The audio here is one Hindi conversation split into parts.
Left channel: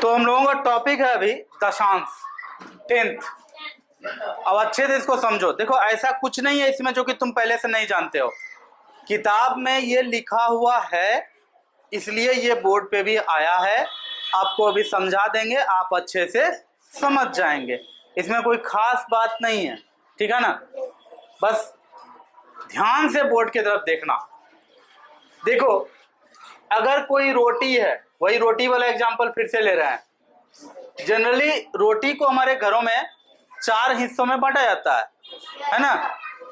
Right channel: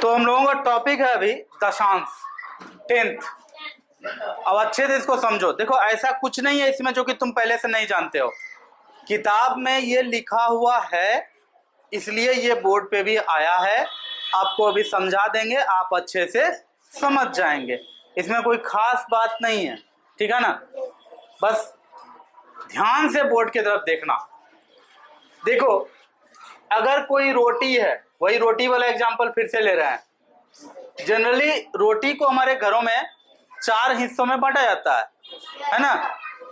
तो हम लोगों का टॉपिक है अभी दशांश, 10th। अब अच्छे से इसको समझो। देखो ऐसा कुछ नहीं है इसमें जो कि तुम पहले से नहीं जानते हो। किताब में ये लिखा हुआ है, इसलिए ये बोर्ड पे भी आया है। आपको अभी समझा देंगे, आप अच्छे से समझ जाएंगे। इसमें कोई खास बात नहीं है, ठीक है ना। बस ध्यान से बोर्ड की तरफ देखना। देखो अगर कोई रोटी है, वही रोटी वाला एग्जांपल फिर से ले रहे हैं। जनरली रोटी को हमारे घरों में 4 हिस्सों में बांटा जाता है ना।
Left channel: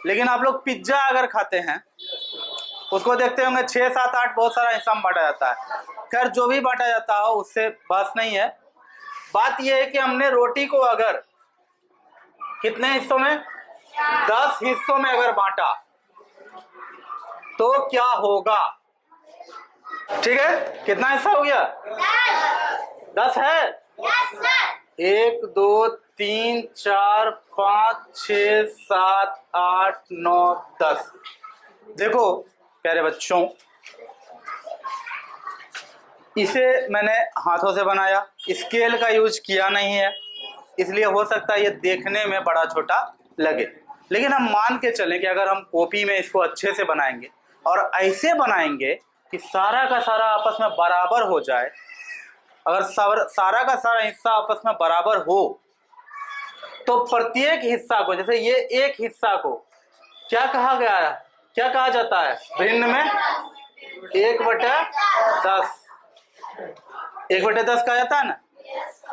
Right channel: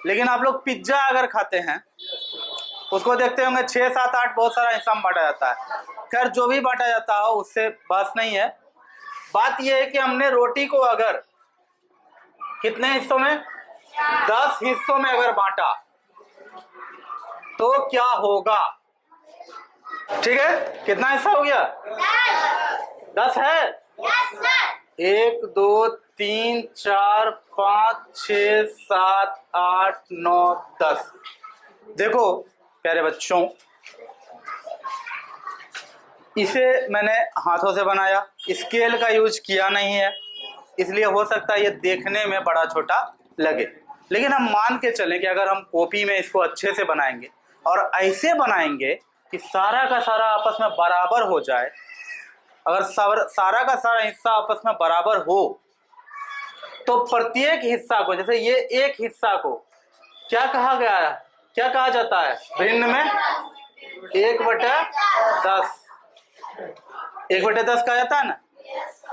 लेकिन आप लोग पिज्जा अगर खाते हैं, उसको देखते होंगे 6, 7, 8 बहुत सारा हिस्सा में बांटा जाता है। खैर जो भी बांटा जाता हो उससे बस नहीं है। बात यह है कि हमने रोटी को अगर कितने हिस्सों में, 10 हिस्सों में अगर बांटा तो क्या होगा। ठीक है, कितना हिस्सा हो गया? 10 है। 1 2 3 4 5 6 7 8 9 10। देखो प्यारे बच्चों, इसे मैंने हाथों से बनाया, स्केल का यूज किया नहीं है, इसलिए हो सकता है ये देखने में बड़ा छोटा लगे। लेकिन हम मान के चलें कि अगर हम कॉपी में इसको अच्छे से बनाएंगे और ऐसे बनाएंगे कि सारा का सारा आपस में बराबर हो जाए, अगर सारा का सारा हिस्सा आपस में बराबर हो, तो प्रत्येक हिस्सा को, जैसे ये एक हिस्सा को क्या कहा गया है, क्या कहा जाता है भिन्न में? 1/10। 1/10 कहा जाता है ना।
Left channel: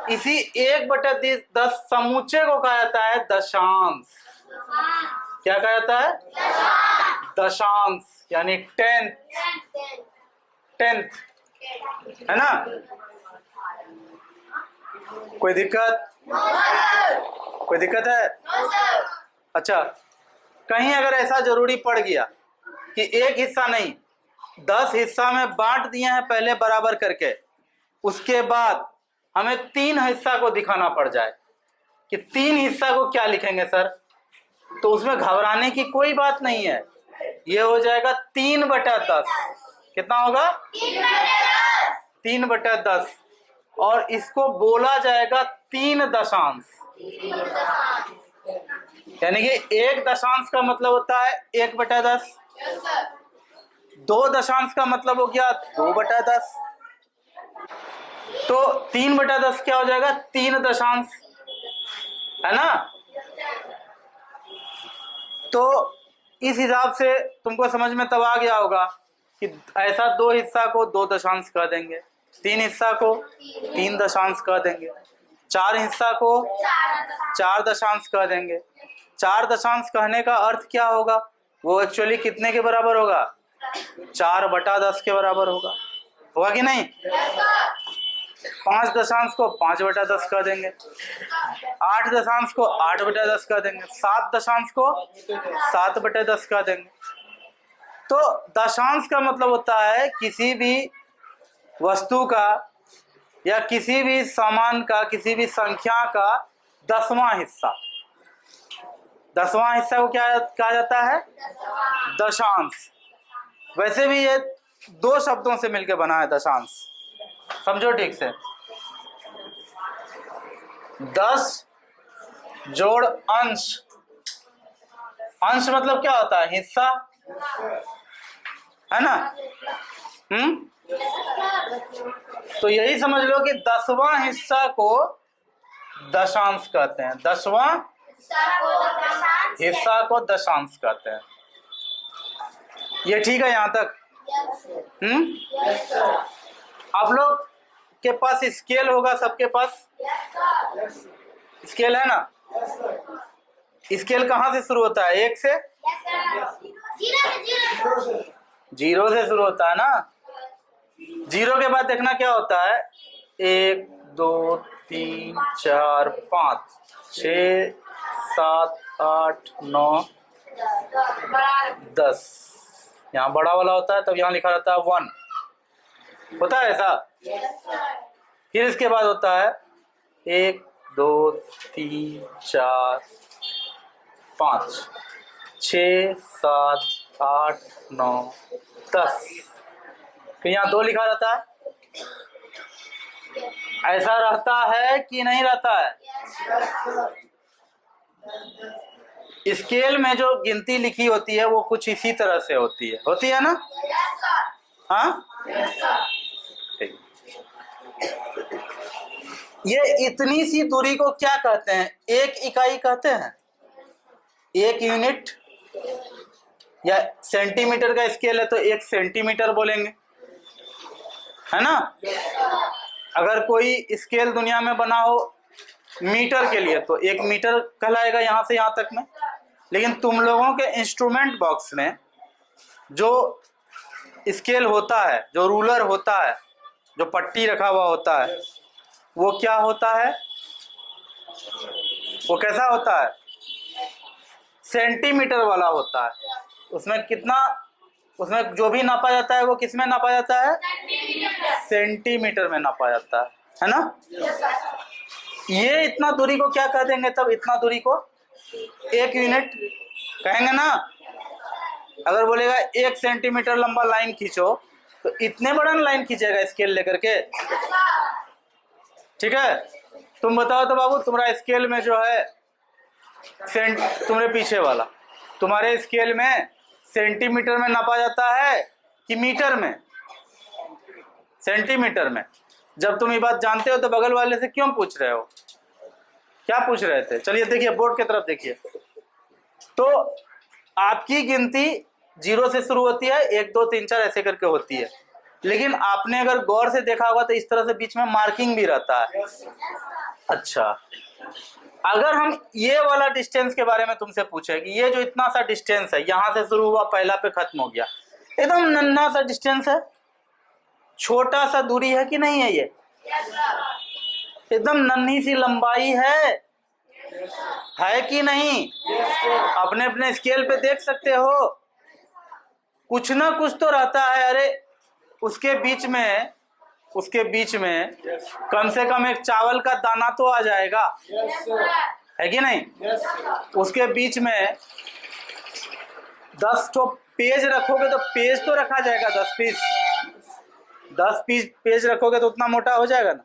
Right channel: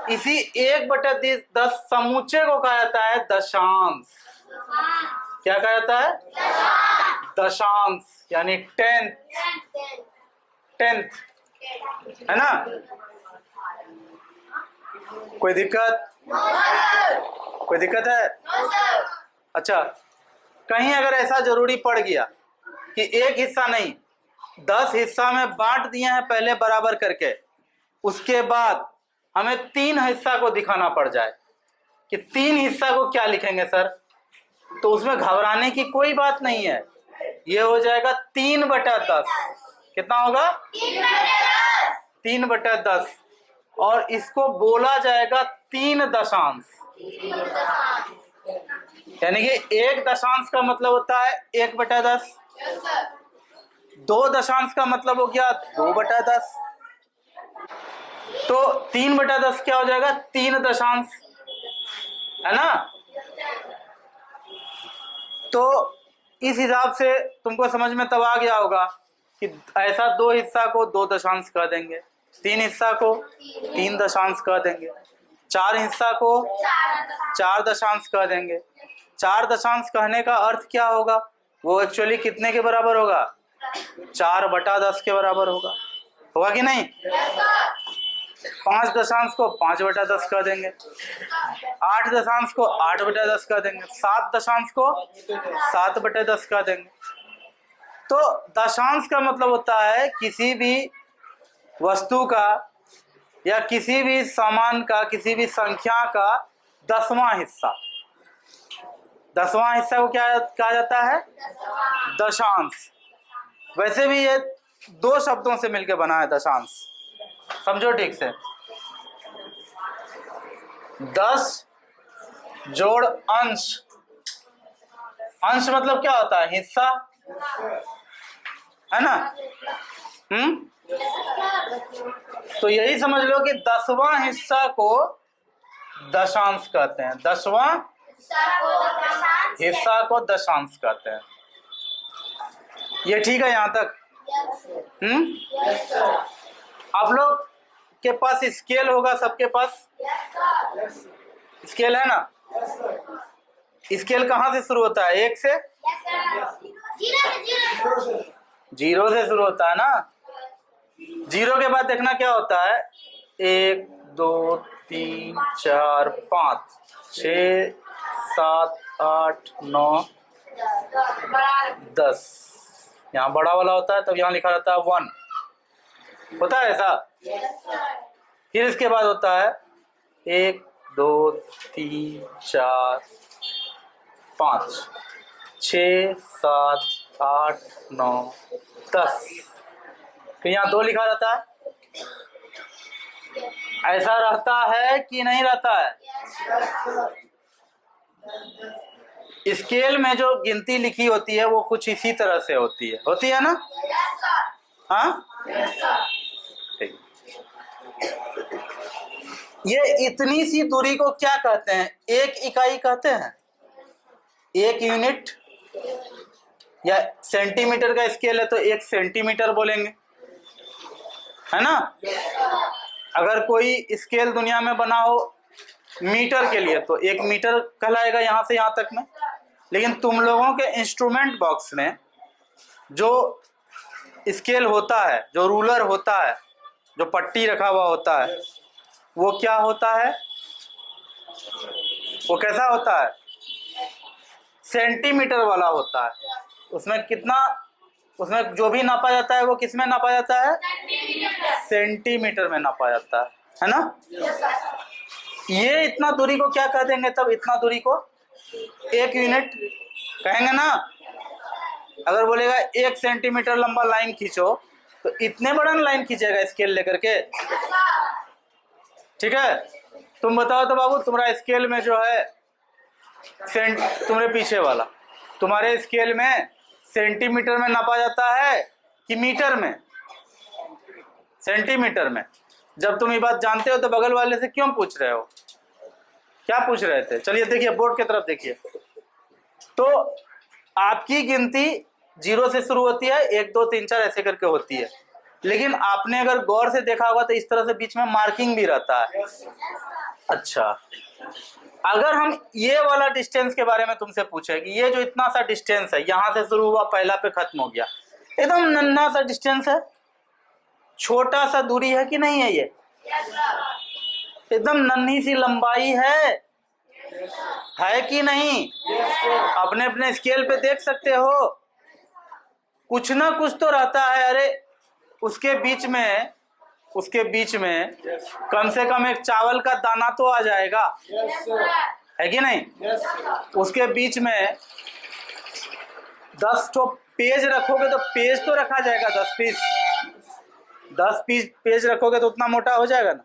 इसी 1/10 समूचे को कहा जाता है दशांश। क्या कहा जाता है? दशांश, यानी 10th है ना। कोई दिक्कत? कोई दिक्कत है? अच्छा, कहीं अगर ऐसा जरूरी पड़ गया कि एक हिस्सा नहीं 10 हिस्सा में बांट दिए हैं पहले बराबर करके, उसके बाद हमें 3 हिस्सा को दिखाना पड़ जाए कि 3 हिस्सा को क्या लिखेंगे सर, तो उसमें घबराने की कोई बात नहीं है। ये हो जाएगा 3/10। कितना होगा? 3/10। और इसको बोला जाएगा 3 दशांश। यानी कि 1 दशांश का मतलब होता है 1/10। 2 दशांश का मतलब हो गया 2/10। तो 3/10 क्या हो जाएगा? 3 दशांश, है ना। तो इस हिसाब से तुमको समझ में तब आ गया होगा कि ऐसा 2 हिस्सा को 2 दशांश कह देंगे, 3 हिस्सा को 3 दशांश कह देंगे, 4 हिस्सा को 4 दशांश कह देंगे। 4 दशांश कहने का अर्थ क्या होगा? वो एक्चुअली कितने के बराबर होगा? 4/10 के बराबर होगा कि नहीं? 5 दशांश को 5/10 कह देंगे, 8 दशांश को 8/10 कह देंगे, 7 दशांश को 7/10 कह देंगे। तो दशांश का मतलब होता है किसी भी वस्तु का या किसी भी सामान का, किसी भी संख्या का 10वां हिस्सा। 10वां हिस्सा को क्या कहा जाता है? दशांश। वैसे भी ये 2 शब्दों से मिलकर बना है दशांश, समझो ठीक से। 10 जोड़ अंश। अंश मतलब क्या होता है? हिस्सा, है ना। तो यही समझ लो कि 10वां हिस्सा को दशांश कहते हैं। 10वां हिस्सा को दशांश कहते हैं। ये ठीक है यहां तक? आप लोग के पास स्केल होगा, सबके पास स्केल है ना। स्केल कहां से शुरू होता है? 1 से? 0 से शुरू होता है ना। 0 के बाद देखना क्या होता है? 1 2 3 4 5 6 7 8 9 10। यहाँ बड़ा वाला होता है, तब यहाँ लिखा रहता है 1। होता है ऐसा? फिर इसके बाद होता है 1 2 3 4 5 6 7 8 9 10। फिर यहाँ 2 लिखा रहता है, ऐसा रहता है कि नहीं रहता है? स्केल में जो गिनती लिखी होती है वो कुछ इसी तरह से होती है ना? हाँ, ठीक। ये इतनी सी दूरी को क्या कहते हैं? एक इकाई कहते हैं, एक यूनिट। या सेंटीमीटर का स्केल है तो 1 सेंटीमीटर बोलेंगे, है ना? अगर कोई स्केल दुनिया में बना हो मीटर के लिए तो 1 मीटर कहलाएगा यहां से यहां तक में। लेकिन तुम लोगों के इंस्ट्रूमेंट बॉक्स में जो स्केल होता है, जो रूलर होता है, जो पट्टी रखा हुआ होता है, वो क्या होता है? वो कैसा होता है? सेंटीमीटर वाला होता है। उसमें कितना, उसमें जो भी नापा जाता है वो किस में नापा जाता है? सेंटीमीटर में नापा जाता है ना? ये इतना दूरी को क्या कह देंगे तब? इतना दूरी को 1 यूनिट कहेंगे ना? अगर बोलेगा 1 सेंटीमीटर लंबा लाइन खींचो तो इतने बड़ा लाइन खींचेगा स्केल लेकर के, ठीक है? तुम बताओ तो बाबू, तुम्हारा स्केल में जो है तुम्हारे पीछे वाला, तुम्हारे स्केल में सेंटीमीटर में नापा जाता है कि मीटर में? सेंटीमीटर में। जब तुम ये बात जानते हो तो बगल वाले से क्यों पूछ रहे हो? क्या पूछ रहे थे? चलिए देखिए, बोर्ड की तरफ देखिए। तो आपकी गिनती 0 से शुरू होती है, 1 2 3 4 ऐसे करके होती है। लेकिन आपने अगर गौर से देखा होगा तो इस तरह से बीच में मार्किंग भी रहता है। अच्छा, अगर हम ये वाला डिस्टेंस के बारे में तुमसे पूछे कि ये जो इतना सा डिस्टेंस है, यहां से शुरू हुआ, पहला पे खत्म हो गया, एकदम नन्हा सा डिस्टेंस है, छोटा सा दूरी है कि नहीं है? ये एकदम नन्ही सी लंबाई है कि नहीं? अपने अपने स्केल पे देख सकते हो, कुछ ना कुछ तो रहता है। अरे उसके बीच में कम से कम एक चावल का दाना तो आ जाएगा, है कि नहीं? उसके बीच में 10 तो पेज रखोगे तो पेज तो रखा जाएगा, 10 पीस पेज रखोगे तो उतना मोटा हो जाएगा ना,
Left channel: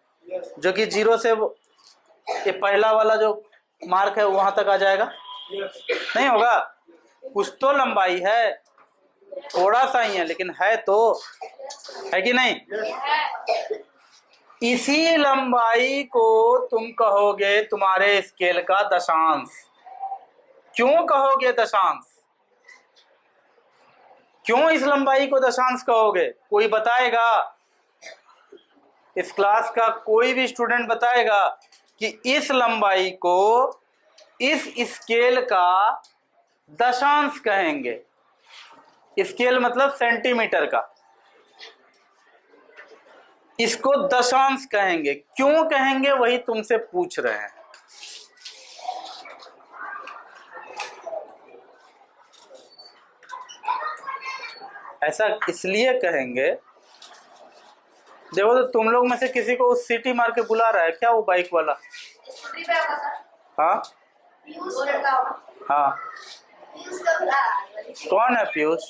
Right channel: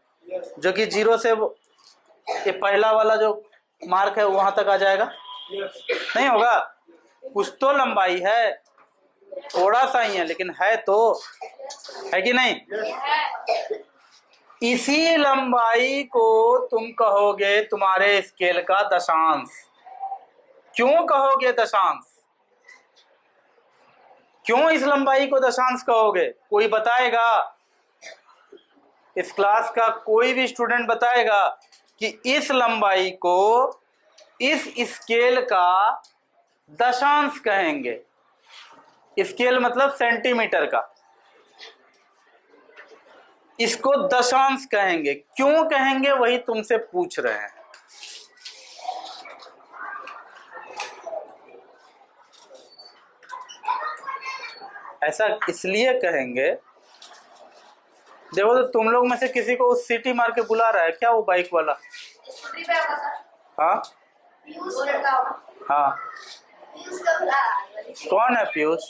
जो कि 0 से ये पहला वाला जो मार्क है वहां तक आ जाएगा। नहीं होगा? कुछ तो लंबाई है, थोड़ा सा ही है लेकिन है तो, है कि नहीं? इसी लंबाई को तुम कहोगे तुम्हारे स्केल का दशांश। क्यों कहोगे दशांश? क्यों इस लंबाई को दशांश कहोगे? कोई बताएगा? इस क्लास का कोई भी स्टूडेंट बताएगा कि इस लंबाई को इस स्केल का दशांश कहेंगे? स्केल मतलब सेंटीमीटर का, इसको दशांश कहेंगे। क्यों कहेंगे वही तुमसे पूछ रहे हैं। ऐसा इसलिए कहेंगे, देखो तो तुम लोग में से किसी को उस सीटी मार के बुला रहा है क्या वो बाइक वाला? हाँ हाँ, कौन है पीयूष?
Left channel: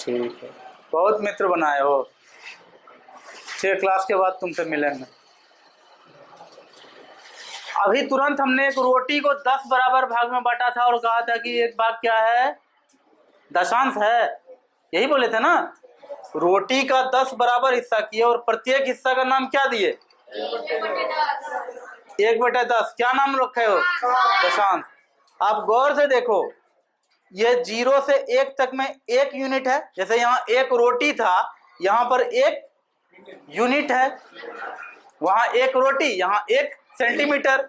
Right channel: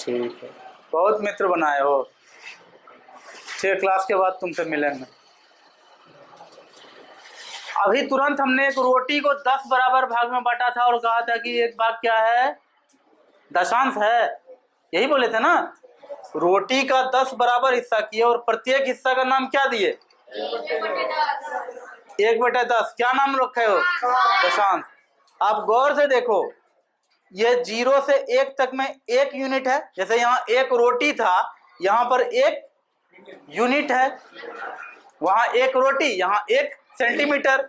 ठीक है, बहुत मित्र बनाए हो। ठीक, क्लास के बाद तुमसे मिलेंगे। अभी तुरंत हमने एक रोटी को 10 बराबर भाग में बांटा था और कहा था कि एक भाग क्या है? दशांश है। यही बोले थे ना? रोटी का 10 बराबर हिस्सा किए और प्रत्येक हिस्सा का नाम क्या दिए? 1/10। क्या नाम रखे हो? दशांश। आप गौर से देखो, ये 0 से 1 तक में 1 यूनिट है। जैसे यहाँ 1 रोटी था, यहाँ पर 1 यूनिट है। वहां 1 रोटी, यहाँ 1 सेंटीमीटर,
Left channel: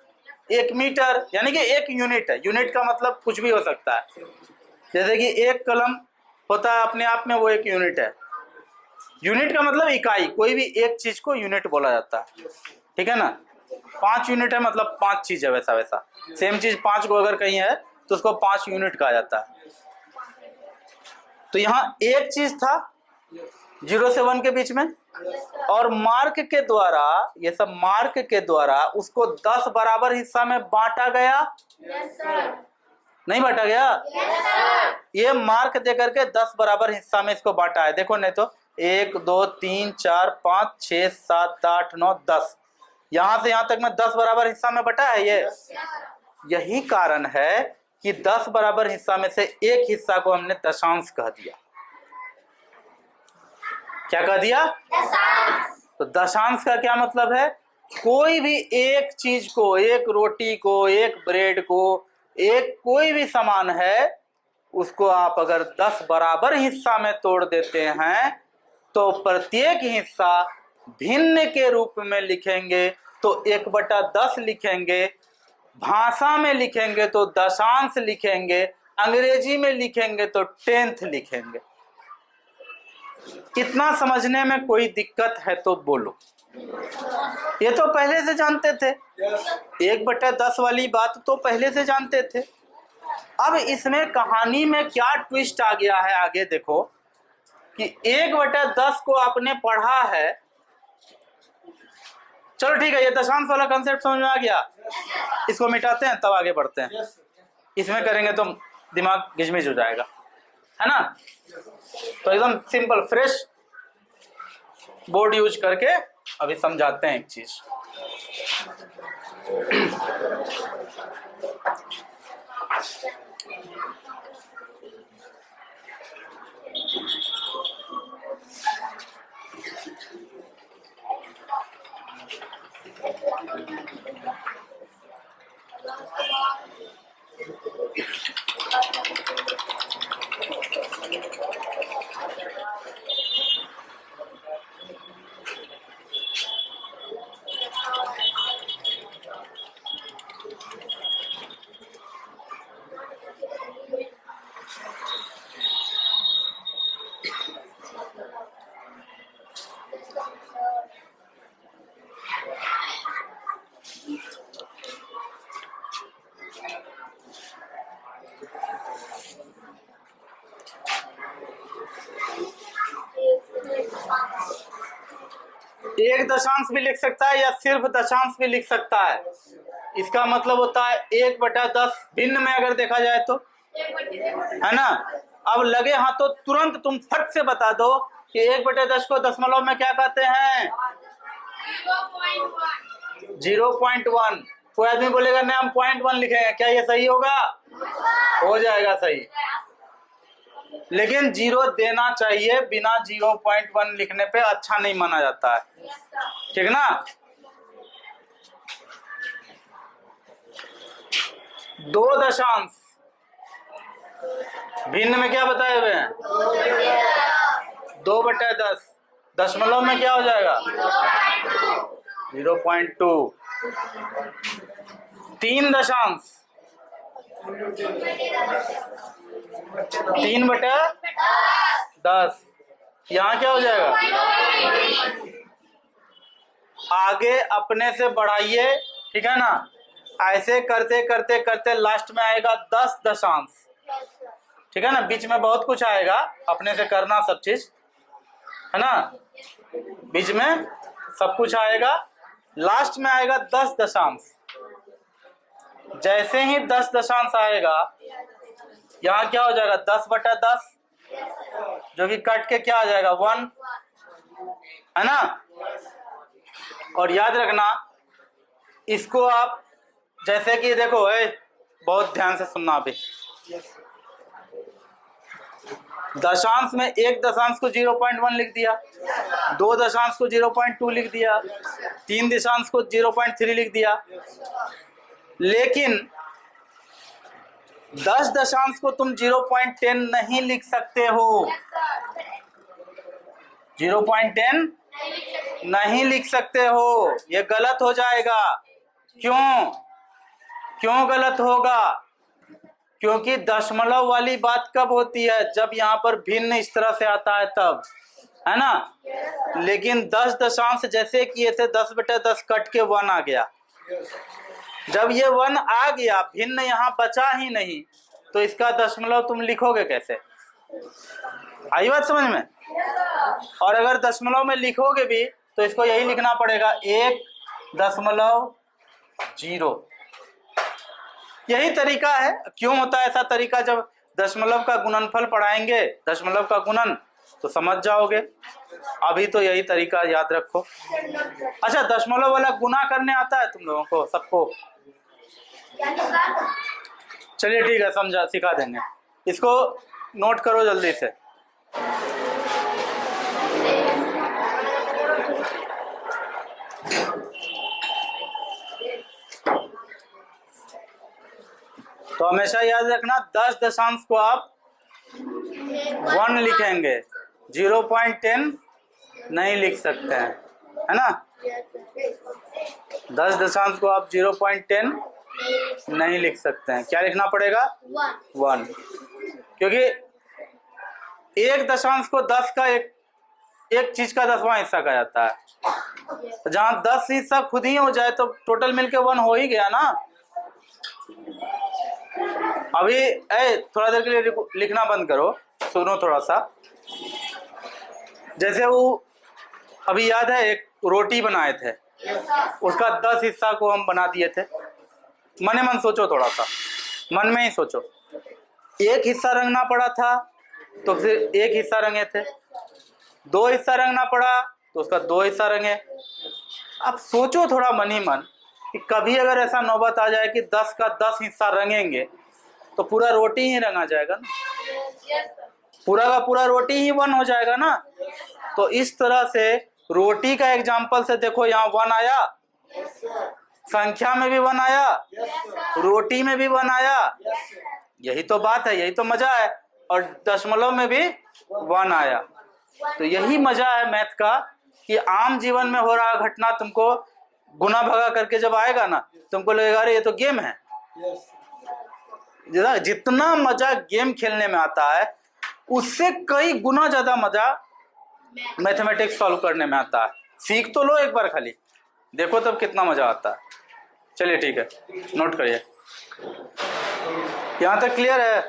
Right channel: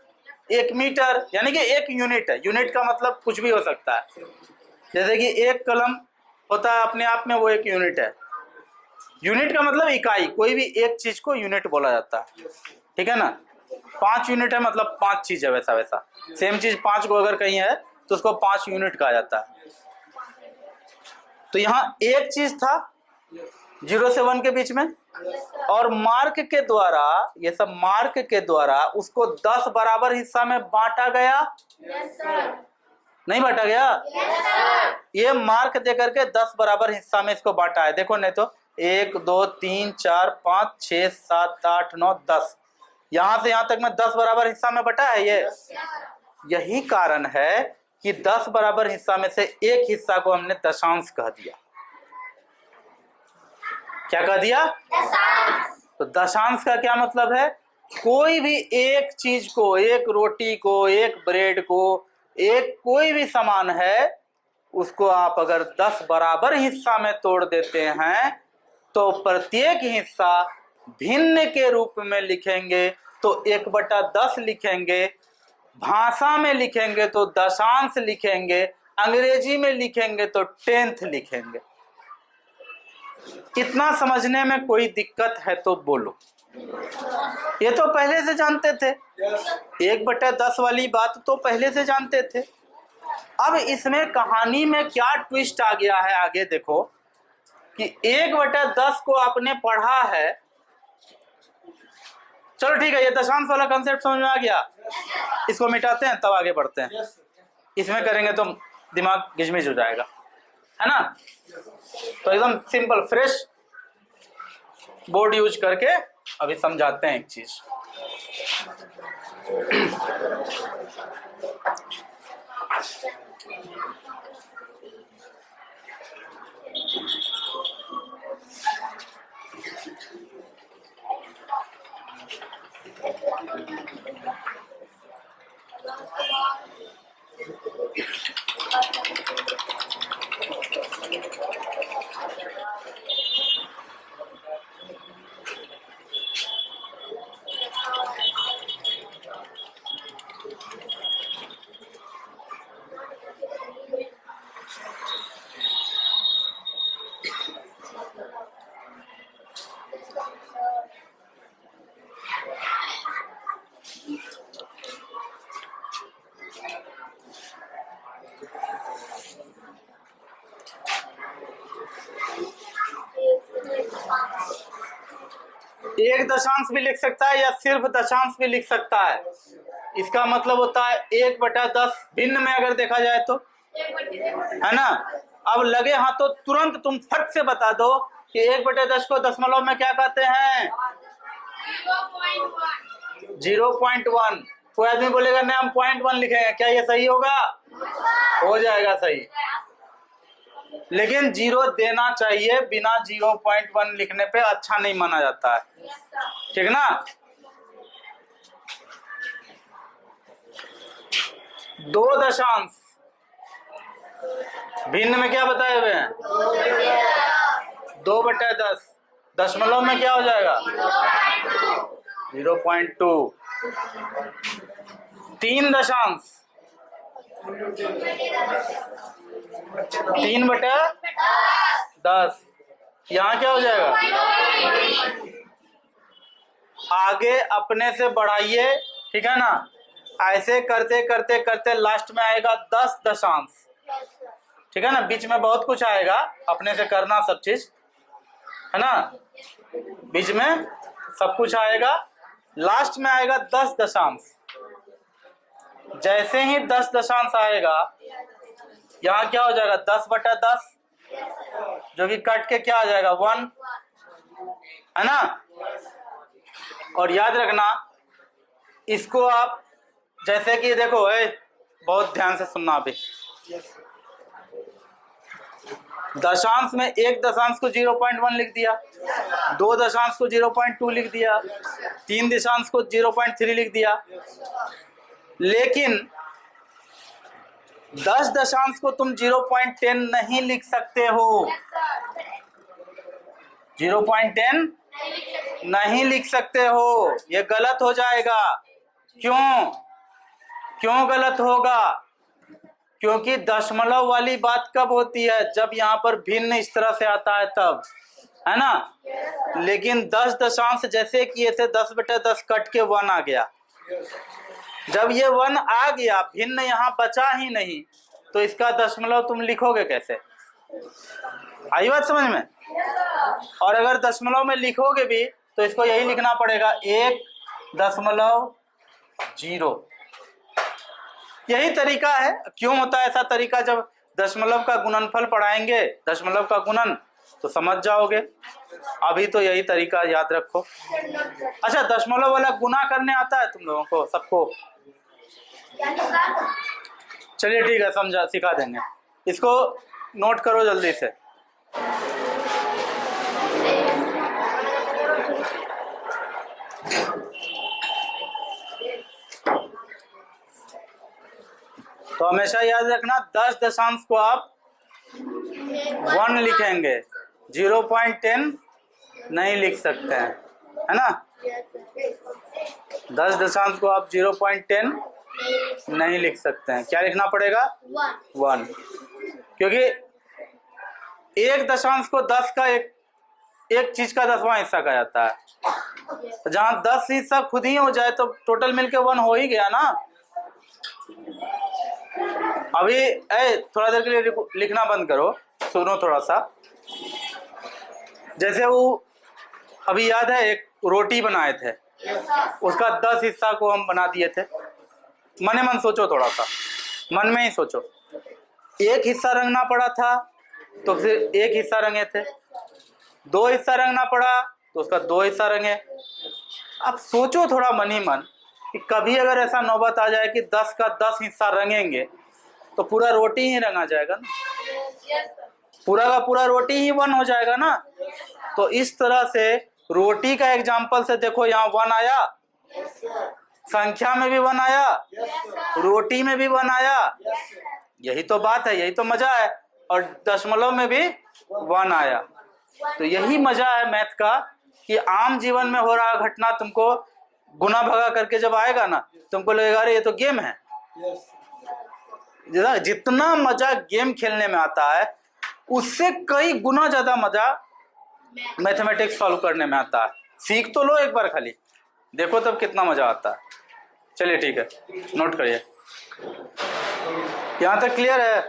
1 मीटर, यानी कि 1 यूनिट है। यूनिट का मतलब कुछ भी हो सकता है। जैसे कि 1 कलम होता है अपने आप में, वो 1 यूनिट है। यूनिट का मतलब इकाई, कोई भी एक चीज को यूनिट बोला जाता है, ठीक है ना? 5 यूनिट है मतलब 5 चीज है, वैसा वैसा सेम चीज 5 को अगर कहीं है तो उसको 5 यूनिट कहा जाता है। तो यहाँ 1 चीज था 0 से 1 के बीच में, और मार्क के द्वारा, ये सब मार्क के द्वारा उसको 10 बराबर हिस्सा में बांटा गया। नहीं बांटा गया? ये मार्क देकर के 10 बराबर हिस्सा में इसको बांटा है। देखो नहीं तो 1 2 3 4 5 6 7 8 9 10, यहां से यहां तक में 10 बराबर हिस्सा में बटा है ये। यही कारण है कि 10 बराबर हिस्सा में से एक हिस्सा को हमने दशांश कह दिया। क्या कह दिया? तो दशांश का क्या मतलब है? कोई भी एक चीज को, एक रोटी को, एक ब्रेड को, एक कोई भी सामान है, उसको आप अगर 10 बराबर हिस्सा में तोड़ देते हैं तो प्रत्येक हिस्सा भिन्न के रूप में लिखेंगे तो 1/10 लिखेंगे, भाषा में लिखेंगे तो दशांश लिखेंगे, अंग्रेजी में लिखेंगे तो 10th लिखेंगे। इतना समझने में कोई दिक्कत है तो बोलो। ये तो पहले से जानते थे, 1/10 वाली बात तो पहले से जानते थे। अब इसमें कहानी में क्या ट्विस्ट आ गया है, आगे देखो कि 1/10 को आपने पढ़ा है। चलो ठीक है, ये दशांश वाला कंसेप्ट समझ में आ गया, इसको मिटाते हैं तब आगे बढ़ते हैं। इसमें करेंगे तो दिमाग गिजमिज हो जाएगा, है ना। तो एकदम सिंपल फ्रेश बोर्ड यूज करके अभी समझाते हैं एक चीज। एक दशांश भी लिख सकता है या सिर्फ दशांश भी लिख सकता है। इसका मतलब होता है 1/10 भिन्न में अगर देखा जाए तो, है ना। अब लगे हाँ तो तुरंत तुम फट से बता दो कि 1/10 को दशमलव में क्या कहते हैं? 0.1। कोई आदमी बोलेगा नहीं हम 0.1 लिखेंगे, क्या ये सही होगा? हो जाएगा सही, लेकिन 0 देना चाहिए, बिना 0.1 लिखने पे अच्छा नहीं माना जाता है, ठीक ना। दो दशांश भिन्न में क्या बताए हुए हैं? 2/10। दशमलव में क्या हो जाएगा? 0.2। 3 दशांश 3/10, यहाँ क्या हो जाएगा? आगे अपने से बढ़ाइए, ठीक है ना। ऐसे करते करते करते लास्ट में आएगा 10 दशांश, ठीक है ना। बीच में बहुत कुछ आएगा, अपने से करना सब चीज, है ना। बीच में सब कुछ आएगा, लास्ट में आएगा 10 दशांश। जैसे ही 10 दशांश आएगा, यहाँ क्या हो जाएगा? 10/10, जो कि कट के क्या आ जाएगा? 1, है ना। और याद रखना इसको आप, जैसे कि देखो बहुत ध्यान से सुनना अभी। दशांश में एक दशांश को 0.1 लिख दिया, 2 दशांश को 0.2 लिख दिया, 3 दशांश को 0.3 लिख दिया, लेकिन 10 दशांश को तुम 0.10 नहीं लिख सकते हो। 0.10 नहीं लिख सकते हो, ये गलत हो जाएगा। क्यों गलत होगा? क्योंकि दशमलव वाली बात कब होती है? जब यहाँ पर भिन्न इस तरह से आता है तब, है ना। लेकिन 10 दशांश जैसे किए थे, 10/10 कट के 1 आ गया। जब ये 1 आ गया, भिन्न यहाँ बचा ही नहीं, तो इसका दशमलव तुम लिखोगे कैसे? आई बात समझ में? और अगर दशमलव में लिखोगे भी तो इसको यही लिखना पड़ेगा 1.0। यही तरीका है। क्यों होता है ऐसा तरीका? जब दशमलव का गुणनफल पढ़ाएंगे, दशमलव का गुणन, तो समझ जाओगे। अभी तो यही तरीका याद रखो। अच्छा, दशमलव वाला गुना करने आता है तुम लोगों को सबको? चलिए ठीक है, समझा, सिखा देंगे। इसको नोट करो जल्दी से। तो हमेशा याद रखना 10 दशांश को आप 1 लिखेंगे, 0.10 नहीं लिख सकते हैं, है ना। 10 दशांश को आप 0.10 नहीं लिख सकते हैं। क्या लिखना पड़ेगा? 1, क्योंकि एक दशांश को 10 का एक चीज का 10वां हिस्सा कहा जाता है। तो जहां 10 हिस्सा खुद ही हो जाए तो टोटल मिलके 1 हो ही गया ना। अभी थोड़ा देर के लिए लिखना बंद करो, सुनो थोड़ा सा। जैसे वो अभी याद है, एक रोटी बनाए थे, उसका 10 हिस्सा को हम बना दिए थे। मने मन सोचो, थोड़ा सा मन में ही सोचो। एक हिस्सा रंगना पड़ा था तो फिर एक हिस्सा रंगे थे, 2 हिस्सा रंगना पड़ा तो उसका 2 हिस्सा रंगे। अब सोचो थोड़ा मन ही मन कि कभी अगर ऐसा नौबत आ जाए कि 10 का 10 हिस्सा रंगेंगे तो पूरा रोटी ही रंगा जाएगा ना, पूरा का पूरा रोटी ही 1 हो जाएगा ना। तो इस तरह से रोटी का एग्जाम्पल से देखो, यहाँ 1 आया, संख्या में भी 1 आया, रोटी में भी 1 आया। यही तो बात है, यही तो मजा है। और दशमलव में भी 1 आया। तो यही मजा है मैथ का कि आम जीवन में हो रहा घटना तुमको गुना भगा करके जब आएगा ना, तुमको लगेगा अरे ये तो गेम है। जितना मजा गेम खेलने में आता है उससे कई गुना ज्यादा मजा मैथमेटिक्स सॉल्व करने में आता है। सीख तो लो एक बार, खाली देखो तब कितना मजा आता है। चलिए ठीक है, नोट करिए। यहाँ तक क्लियर है?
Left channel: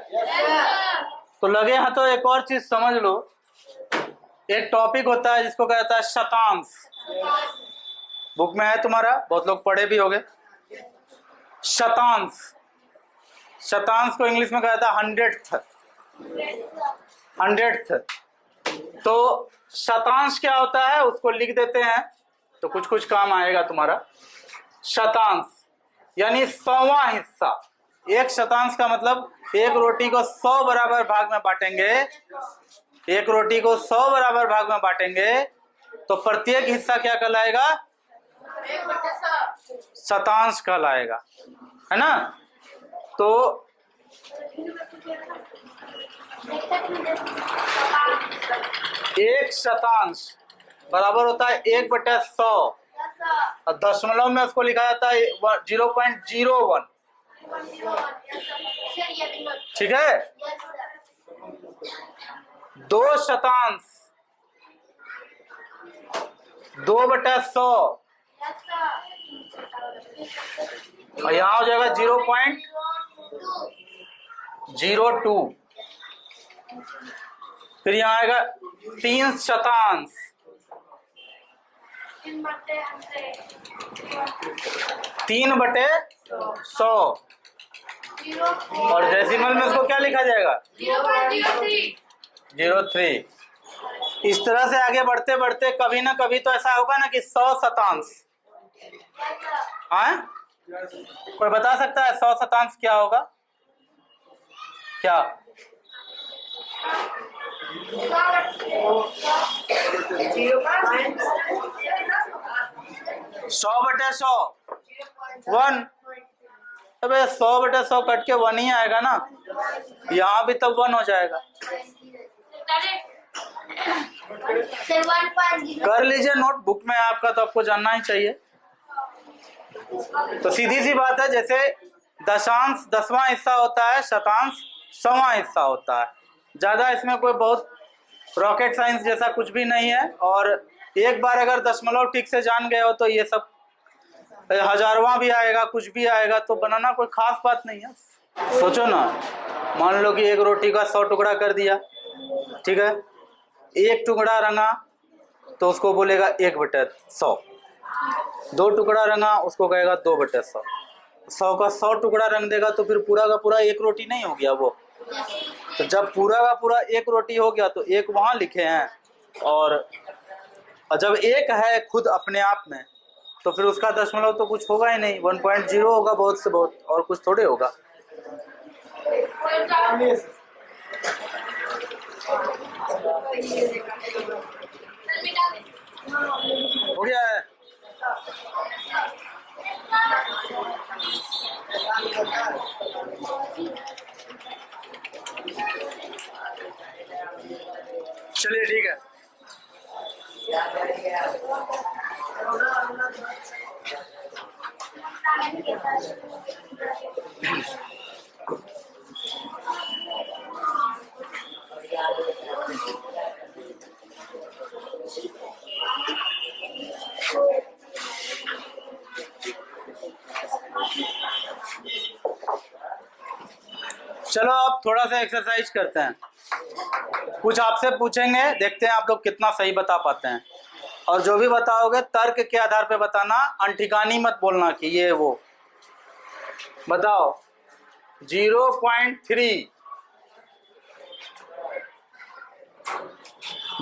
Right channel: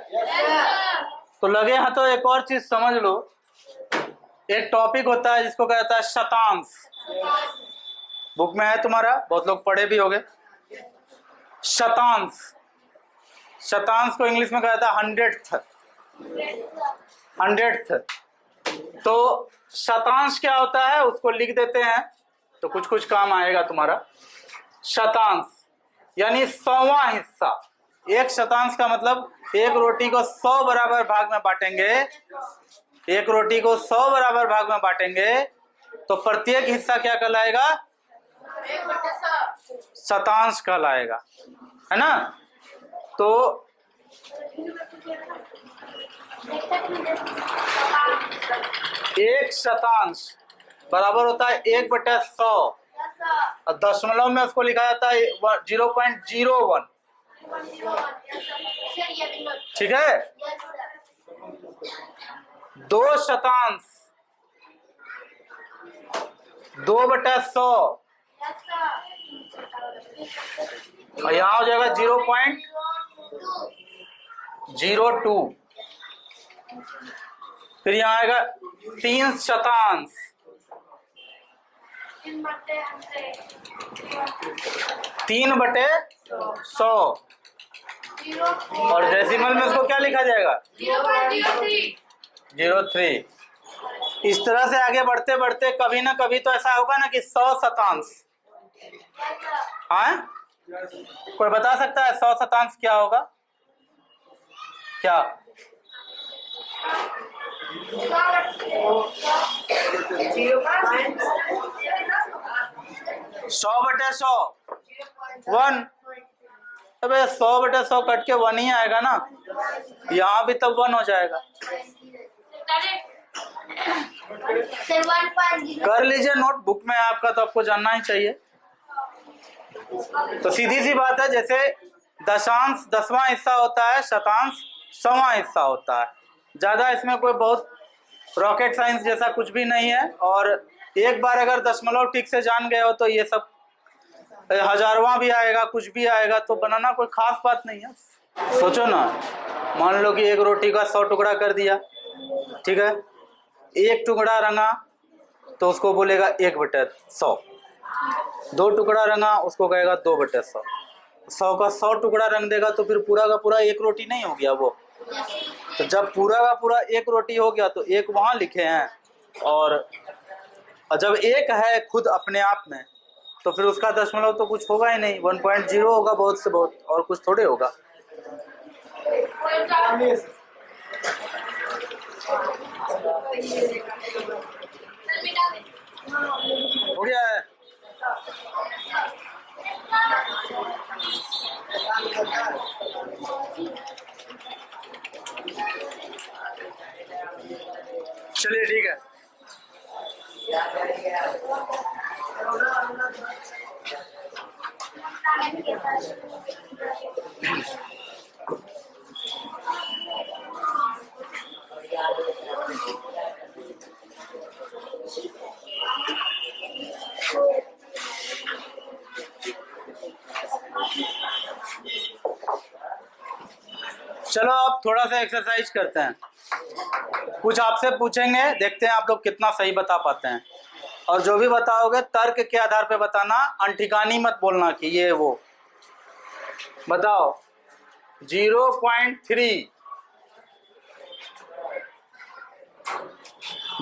तो लगे हाँ तो एक और चीज समझ लो। एक टॉपिक होता है जिसको कहता है शतांश। बुक में है तुम्हारा, बहुत लोग पढ़े भी होंगे। शतांश, शतांश को इंग्लिश में कहा जाता है 100th। तो शतांश क्या होता है उसको लिख देते हैं तो कुछ कुछ काम आएगा तुम्हारा। शतांश यानी 100वां हिस्सा। एक शतांश का मतलब एक रोटी को 100 बराबर भाग में बांटेंगे, एक रोटी को 100 बराबर भाग में बांटेंगे तो प्रत्येक हिस्सा क्या कहलाएगा? शतांश कहलाएगा, है ना। तो एक शतांश बराबर होता है 1/100 और दशमलव में उसको लिखा जाता है 0.01। ठीक है। 2 शतांश 2/100 और यहाँ हो जाएगा 0.02। फिर यहाँ आएगा 3 शतांश 3/100 और डेसिमल में उसको क्या लिखा जाएगा? 0.03। इस तरह से आगे बढ़ते बढ़ते कभी ना कभी तो ऐसा होगा ना कि 100 शतांश। हाँ, कोई बता सकता है 100 शतांश क्या होगा? क्या? 100/100 1। अबे 100/100 कट के 1 ही आएगा ना, यहाँ भी तब 1 हो जाएगा। कर लीजिए नोट, बुक में आपका, तो आपको जानना ही चाहिए। तो सीधी सी बात है, जैसे दशांश 10वां हिस्सा होता है, शतांश 100वां हिस्सा होता है। ज्यादा इसमें कोई बहुत रॉकेट साइंस जैसा कुछ भी नहीं है। और एक बार अगर दशमलव ठीक से जान गए हो तो ये सब हजारवां भी आएगा, कुछ भी आएगा, तो बनाना कोई खास बात नहीं है। सोचो ना, मान लो कि एक रोटी का 100 टुकड़ा कर दिया, ठीक है। एक टुकड़ा रंगा तो उसको बोलेगा 1/100। 2 टुकड़ा रंगा उसको कहेगा 2/100। 100 का 100 टुकड़ा रंग देगा तो फिर पूरा का पूरा एक रोटी नहीं हो गया वो। तो जब पूरा का पूरा एक रोटी हो गया तो एक वहां लिखे हैं, और जब एक है खुद अपने आप में तो फिर उसका दशमलव तो कुछ होगा ही नहीं, 1.0 होगा बहुत से बहुत, और कुछ थोड़े होगा। हो गया है। चलिए ठीक है। चलो अब थोड़ा सा एक्सरसाइज करते हैं, कुछ आपसे पूछेंगे, देखते हैं आप लोग कितना सही बता पाते हैं। और जो भी बताओगे तर्क के आधार पे बताना, अनठिकानी मत बोलना कि ये वो। बताओ 0.3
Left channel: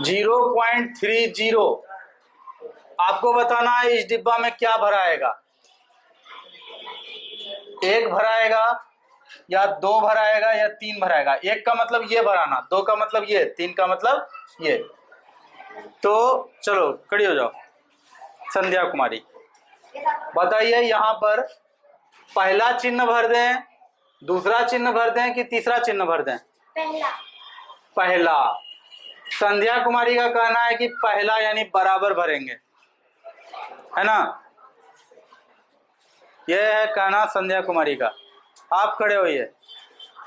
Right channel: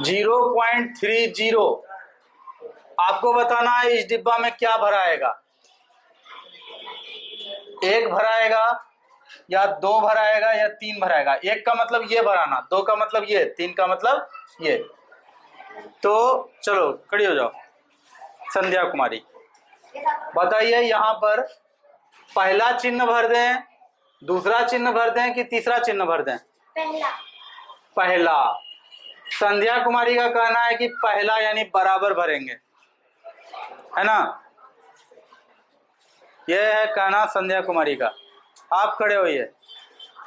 0.30 आपको बताना है इस डिब्बा में क्या भराएगा, एक भराएगा या दो भराएगा या तीन भराएगा। एक का मतलब ये भराना, दो का मतलब ये, तीन का मतलब ये। तो चलो खड़ी हो जाओ। संध्या कुमारी बताइए, यहाँ पर पहला चिन्ह भर दें, दूसरा चिन्ह भर दें कि तीसरा चिन्ह भर दें? पहला। संध्या कुमारी का कहना है कि पहला यानी बराबर भरेंगे, है ना? यह है कहना संध्या कुमारी का। आप खड़े होइए,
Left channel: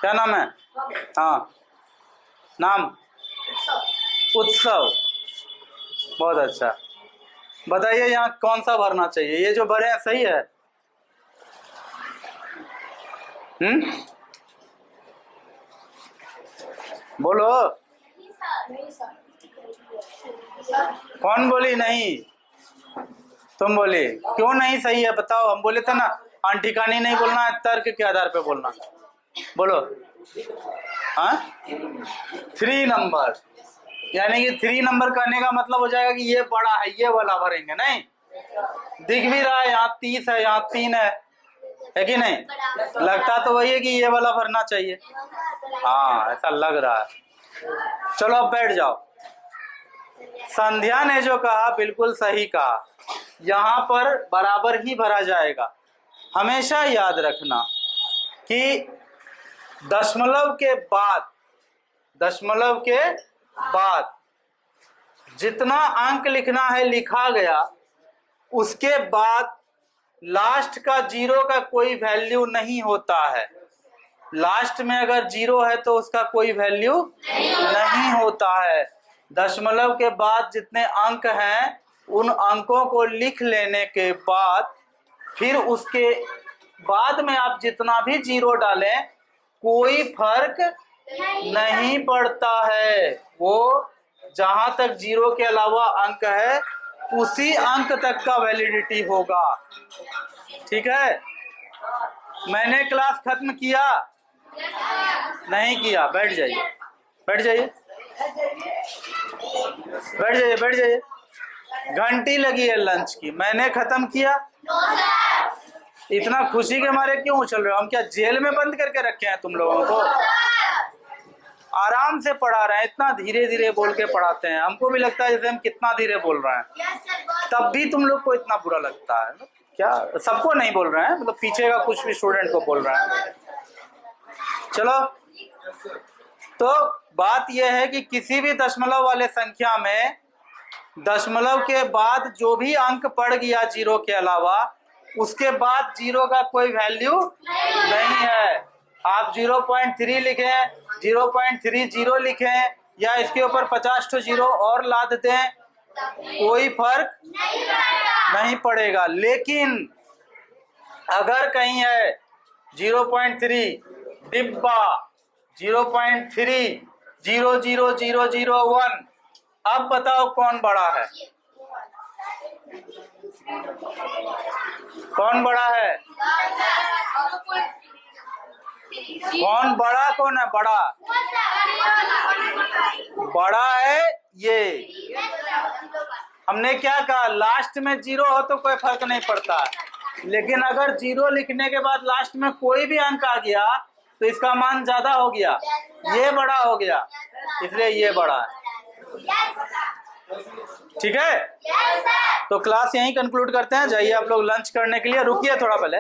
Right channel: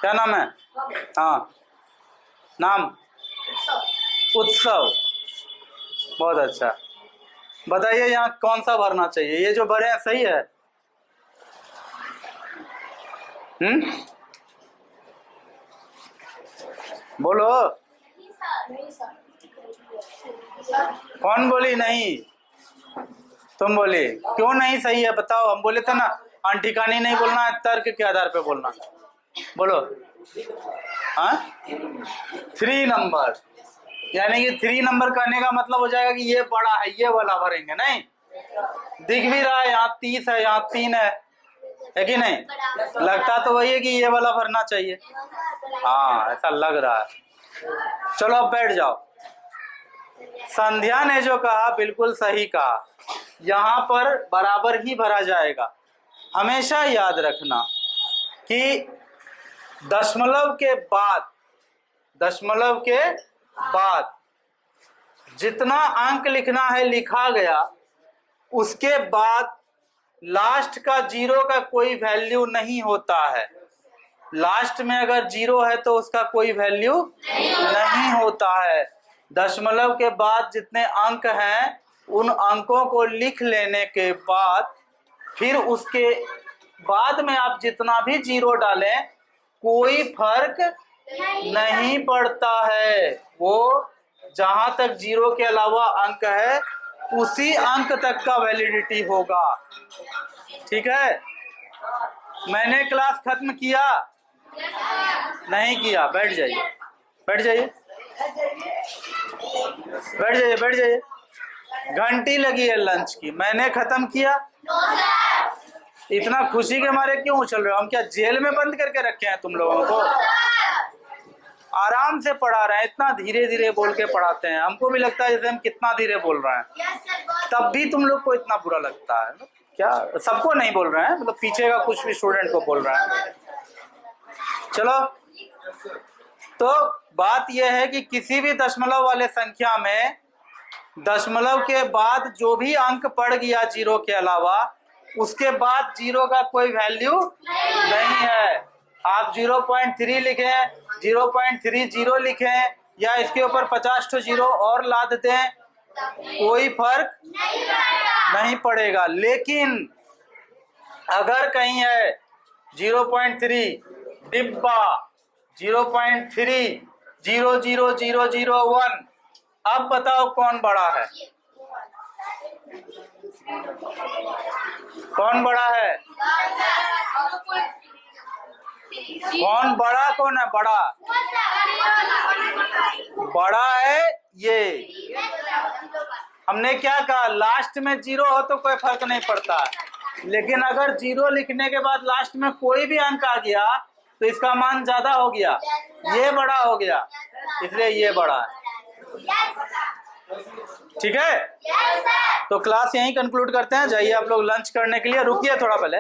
क्या नाम है? हाँ, नाम उत्सव, बहुत अच्छा। बताइए यहाँ कौन सा भरना चाहिए? ये जो भरे हैं सही है? बोलो। कौन बोली नहीं? तुम बोली। क्यों नहीं सही है बताओ? हम बोले थे ना अनठिकानी नहीं बोलना है, तर्क के आधार पे बोलना। बोलो। हाँ 3 नंबर, यानी कि 3 नंबर कहने का मतलब हो जाएगा कि ये बड़ा है, ये वाला भरेंगे। नहीं दिख भी रहा है, यहाँ 30 है, यहाँ 3 है कि नहीं? लगता तो वही है कि ये वाला भरना चाहिए। हाँ ऐसा लग रहा है। चलो अब बैठ जाओ। संध्या ने जो कहा बिल्कुल सही कहा, यहाँ पर बराबर ही भरा जाएगा। हमेशा याद रखना कि दशमलव के बाद जितना अंक लिखना है लिखा गया, उसके बाद लास्ट का 0 का कोई वैल्यू नहीं होता है। लास्ट में अगर 0 है तो उसका कोई वैल्यू नहीं होता है। दशमलव के बाद जितने अंक हैं उन अंकों को लिख लेने के बाद फिर उसके बाद में आप जितना भी 0 डालें कोई फर्क नहीं पड़ता है। वो जहां तक 0 के अलावा अंक है उसी अंक तक का वैलिडिटी होगा। ठीक है? मैंने क्लास खत्म किया? नहीं किया? बैठ जाइए, बैठ जाइए, बैठ जाइए, बैठ जाइए। घंटी लगी है लंच की, मैंने खत्म किया? इतना खुशी के मारे क्यों उछल रहे हो? हम क्या जेल में बंद करके रखे हैं तुम लोगों को? आराम से पढ़ा रहे हैं, इतना धीरे धीरे बोल के पढ़ाते हैं। हमको भी लगता है जैसे हम कितना धीरे बोल रहे हैं, तब भी तुम लोग को इतना बुरा लगता है क्या? सबको नहीं बोल रहे हैं, मतलब पीछे का कुछ भी स्टूडेंट को बोल रहे हैं। चलो, तो बात यह है कि किसी भी दशमलव वाले संख्या में दशमलव के बाद जो भी अंक पड़ गया 0 के अलावा, उसके बाद 0 का कोई वैल्यू नहीं है। आप 0.3 लिखें, 0.30 लिखें, या इसके ऊपर 50 तो 0 और लाद दें, कोई फर्क नहीं पड़ेगा। लेकिन अगर कहीं है 0.3 डिब्बा 0.3 00001, अब बताओ कौन बड़ा है? कौन बड़ा है? कौन बड़ा, कौन है बड़ा? बड़ा है ये। हमने क्या कहा, लास्ट में 0 हो तो कोई फर्क नहीं पड़ता, लेकिन अगर 0 लिखने के बाद लास्ट में कोई भी अंक आ गया तो इसका मान ज्यादा हो गया, ये बड़ा हो गया, इसलिए ये बड़ा है। ठीक है, तो क्लास यहीं कंक्लूड करते हैं। जाइए आप लोग लंच करने के लिए, रुकिए थोड़ा पहले।